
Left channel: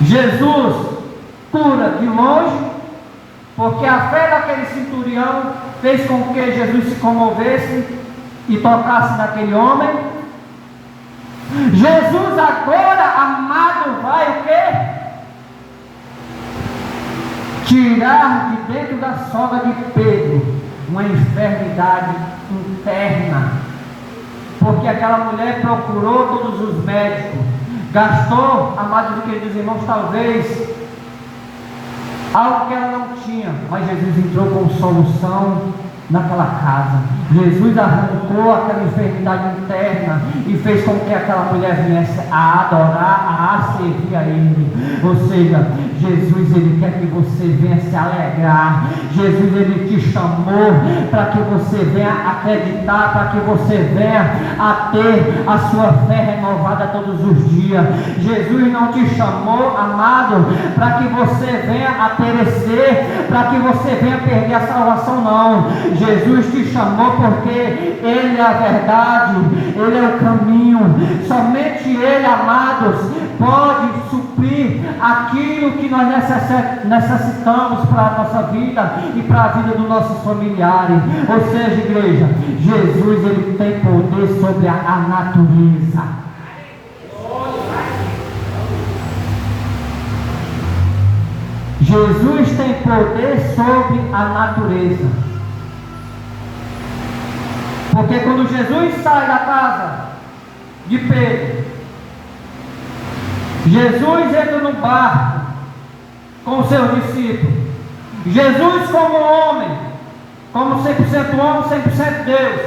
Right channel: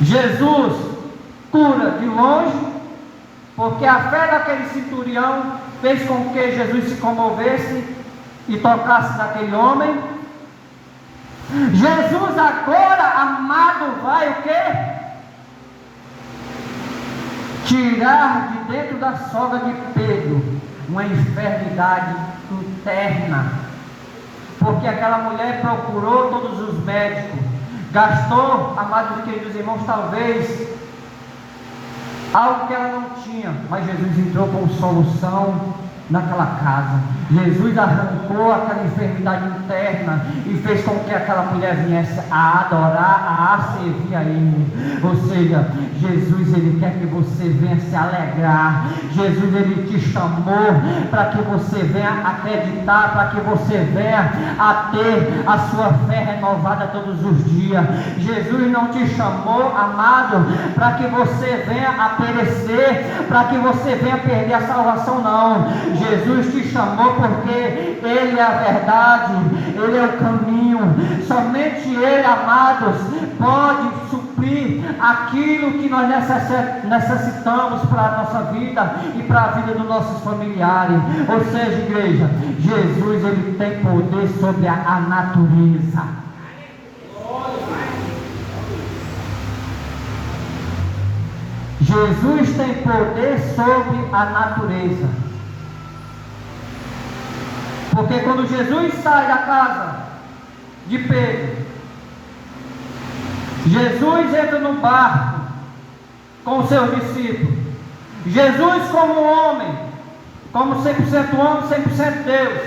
Jesus cura de longe, porque a fé daquele centurião fez com que Jesus se comovesse e tocasse naquele homem. Jesus agora, amado, vai o quê? Tirar de dentro da sogra de Pedro uma enfermidade interna, porque porque aquela mulher procurou todos os médicos, gastou, amados e queridos irmãos, talvez algo que ela não tinha, mas Jesus entrou com solução naquela casa. Jesus arrancou aquela enfermidade interna e fez com que aquela mulher viesse a adorar, a servir a Ele. Ou seja, Jesus, Ele quer que você venha se alegrar. Jesus, Ele te chamou para que você venha acreditar, para que você venha a ter a sua fé renovada todos os dias. Jesus não te chamou, amado, para que você venha a perecer, para que você venha perder a salvação, não. Jesus te chamou porque Ele é a verdade, Ele é o caminho. Somente Ele, amados, pode suprir aquilo que nós necessitamos para a nossa vida e para a vida dos nossos familiares. Ou seja, igreja, Jesus, Ele tem poder sobre a natureza. Jesus tem poder sobre a natureza. Porque quando Jesus sai da casa de Pedro, Jesus entra no barco com os seus discípulos. Jesus, como homem, como 100% homem, 100% Deus,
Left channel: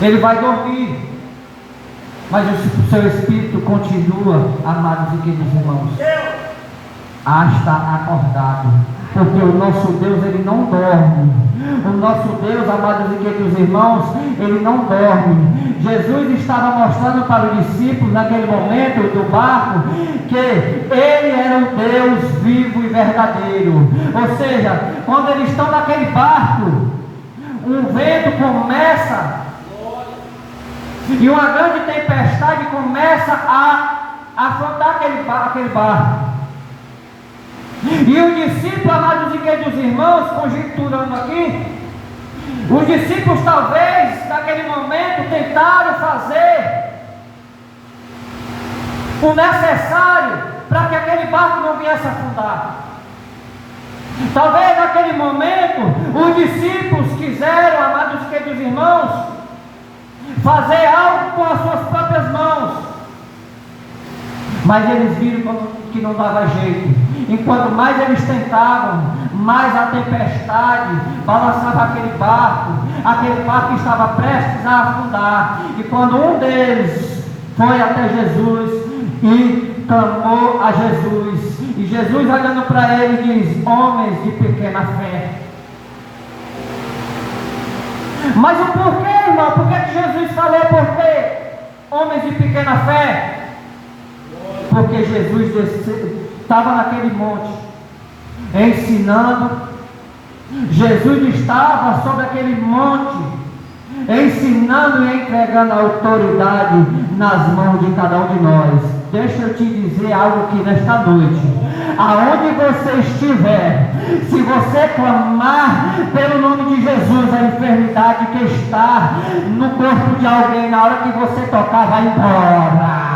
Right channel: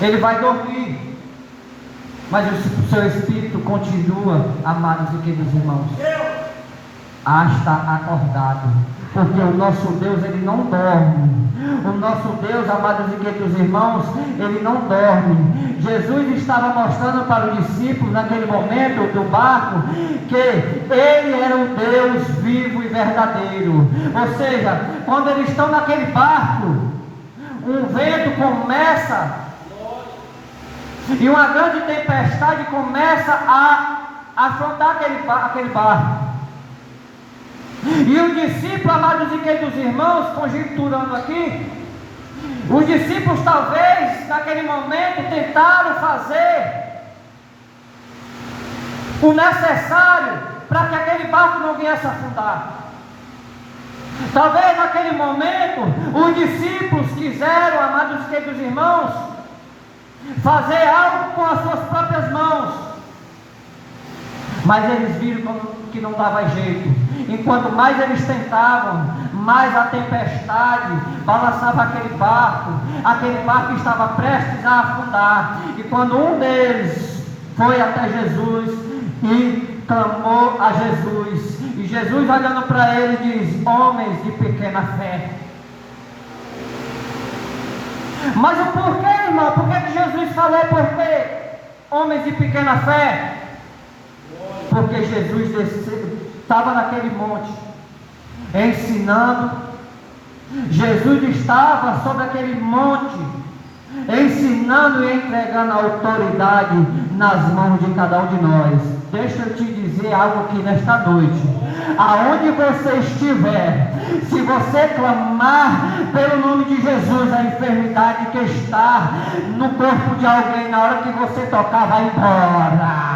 ele vai dormir, mas o seu espírito continua, amados e queridos irmãos, a estar acordado, porque o nosso Deus, Ele não dorme. O nosso Deus, amados e queridos irmãos, Ele não dorme. Jesus estava mostrando para os discípulos naquele momento do barco que Ele era o Deus vivo e verdadeiro. Ou seja, quando eles estão naquele barco, um vento começa e uma grande tempestade começa a afrontar aquele barco. E os discípulos, amados e queridos irmãos, conjecturando aqui, os discípulos talvez naquele momento tentaram fazer o necessário para que aquele barco não viesse a afundar. Talvez naquele momento os discípulos quiseram, amados e queridos irmãos, fazer algo com as suas próprias mãos, mas eles viram que não dava jeito. Enquanto mais eles tentavam, mais a tempestade balançava aquele barco estava prestes a afundar. E quando um deles foi até Jesus e clamou a Jesus, e Jesus olhando para ele diz: homens de pequena fé. Mas o porquê, irmão? Por que Jesus falou porquê? Homens de pequena fé? Porque Jesus estava naquele monte ensinando. Jesus estava sobre aquele monte ensinando e entregando a autoridade nas mãos de cada um de nós. Deixa eu te dizer algo aqui nesta noite. Aonde você estiver, se você clamar pelo nome de Jesus, a enfermidade que está no corpo de alguém, na hora que você tocar, vai embora.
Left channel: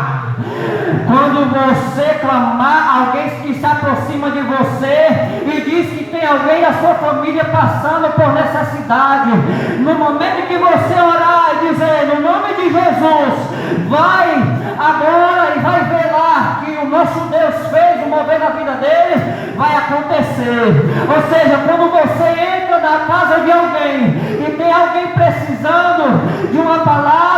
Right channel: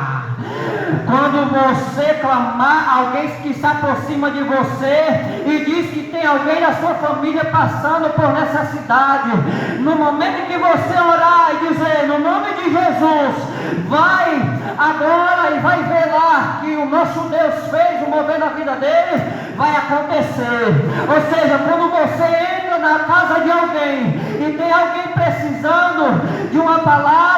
Quando você clamar, alguém que se aproxima de você e diz que tem alguém da sua família passando por necessidade, no momento que você orar e dizer no nome de Jesus, vai agora e vai ver lá que o nosso Deus fez o mover na vida dele, vai acontecer. Ou seja, quando você entra na casa de alguém e tem alguém precisando de uma palavra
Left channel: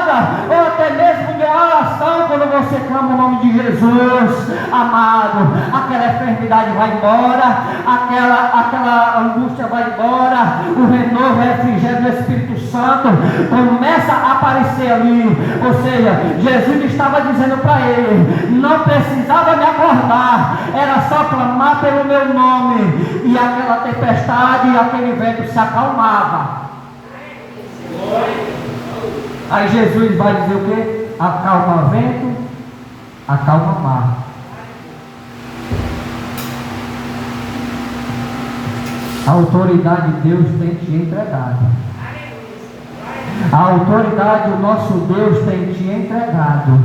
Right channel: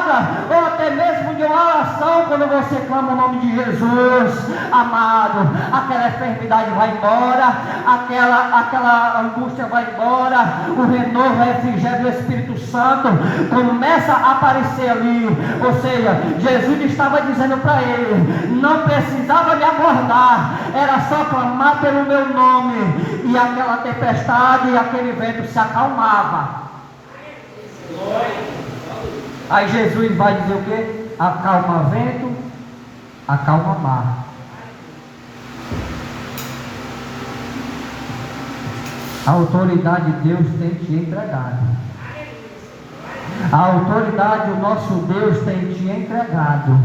ou até mesmo de uma oração, quando você clama o nome de Jesus, amado, aquela enfermidade vai embora, aquela angústia vai embora, o renovo, o refrigério do Espírito Santo começa a aparecer ali. Ou seja, Jesus estava dizendo para ele, não precisava me acordar, era só clamar pelo meu nome, e aquela tempestade e aquele vento se acalmava. Aí Jesus vai dizer o quê? Acalma vento, acalma mar. A autoridade de Deus tem te entregado. A autoridade do nosso Deus tem te entregado.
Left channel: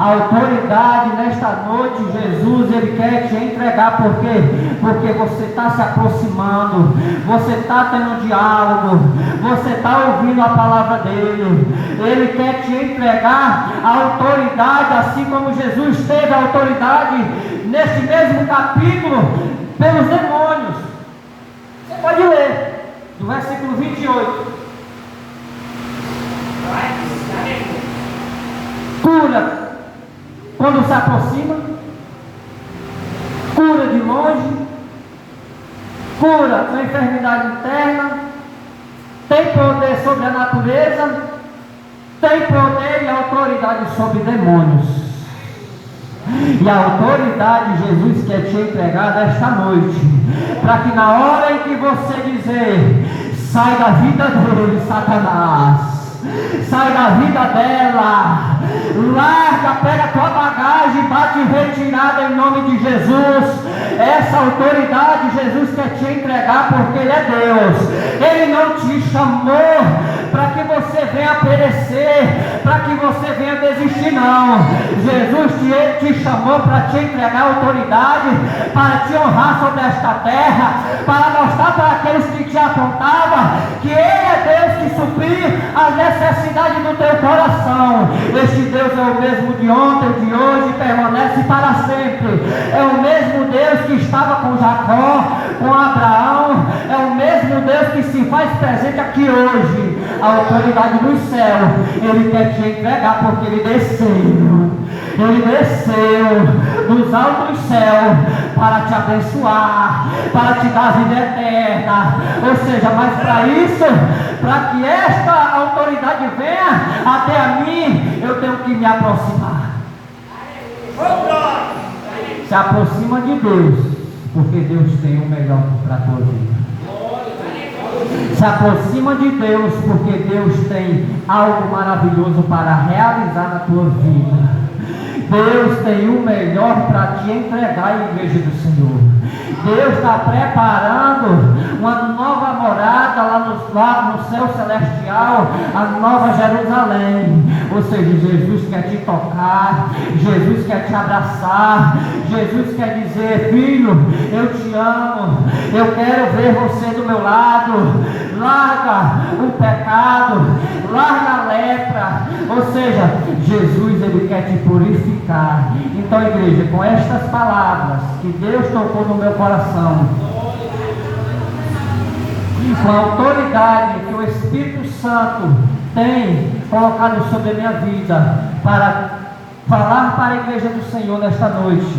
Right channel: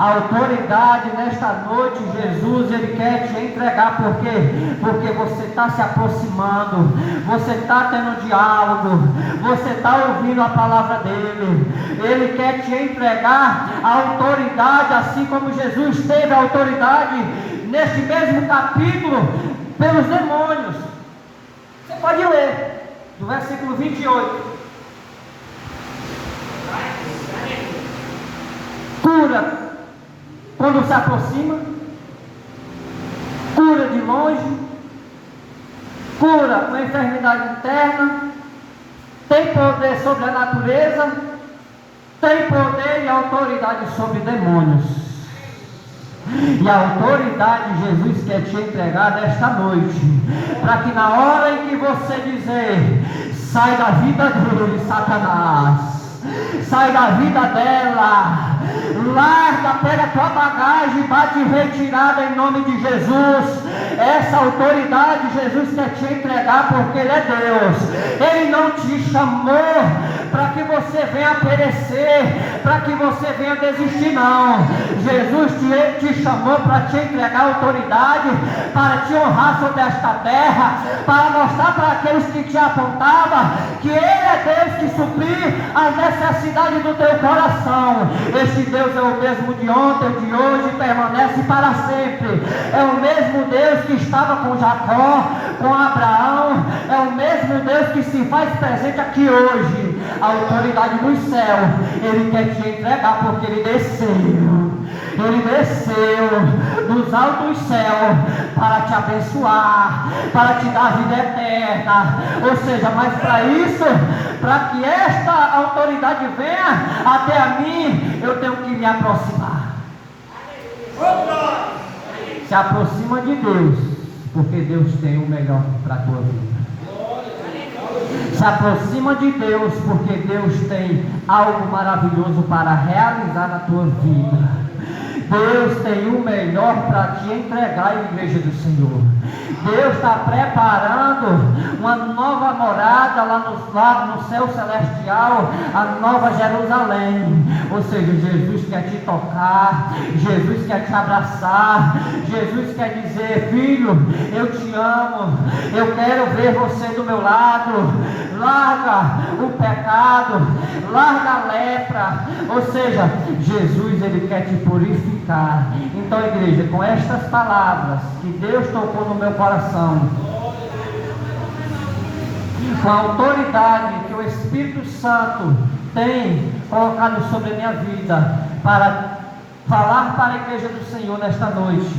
A autoridade nesta noite, Jesus, Ele quer te entregar. Por quê? Porque você está se aproximando, você está tendo diálogo, você está ouvindo a palavra dEle. Ele quer te entregar a autoridade, assim como Jesus teve a autoridade neste mesmo capítulo pelos demônios. Você pode ler do versículo 28. Cura quando se aproxima, cura de longe, cura uma enfermidade interna, tem poder sobre a natureza, tem poder e autoridade sobre demônios. E a autoridade Jesus quer te entregar nesta noite, para que na hora em que você dizer, sai da vida dele, Satanás, sai da vida dela, larga, pega a tua bagagem, bate retirada em nome de Jesus. Essa autoridade Jesus quer te entregar, porque Ele é Deus. Ele não te chamou para que você venha perecer, para que você venha desistir, não. Jesus te chamou para te entregar autoridade, para te honrar sobre esta terra, para mostrar para aqueles que te apontavam que Ele é Deus que suprir as necessidades do teu coração. Este Deus é o mesmo de ontem, de hoje, e permanece para sempre. É o mesmo Deus que estava com Jacó, com Abraão, é o mesmo Deus que se faz presente aqui hoje. A autoridade do céu, Ele quer te entregar, porque Ele desceu dos altos céus para te abençoar, para te dar vida eterna. Ou seja, mas para isso, para que esta autoridade venha até a mim, eu tenho que me aproximar. Se aproxima de Deus, porque Deus tem o melhor para a tua vida. Se aproxima de Deus, porque Deus tem algo maravilhoso para realizar na tua vida. Deus tem o melhor para te entregar à igreja do Senhor. Deus está preparando uma nova morada lá no céu celestial, a nova Jerusalém. Ou seja, Jesus quer te tocar, Jesus quer te abraçar, Jesus quer dizer, filho, eu te amo, eu quero ver você do meu lado. Larga o pecado, larga a lepra. Ou seja, Jesus, Ele quer te purificar. Então, igreja, com estas palavras que Deus tocou no meu coração, com a autoridade que o Espírito Santo tem colocado sobre a minha vida, para falar para a igreja do Senhor nesta noite,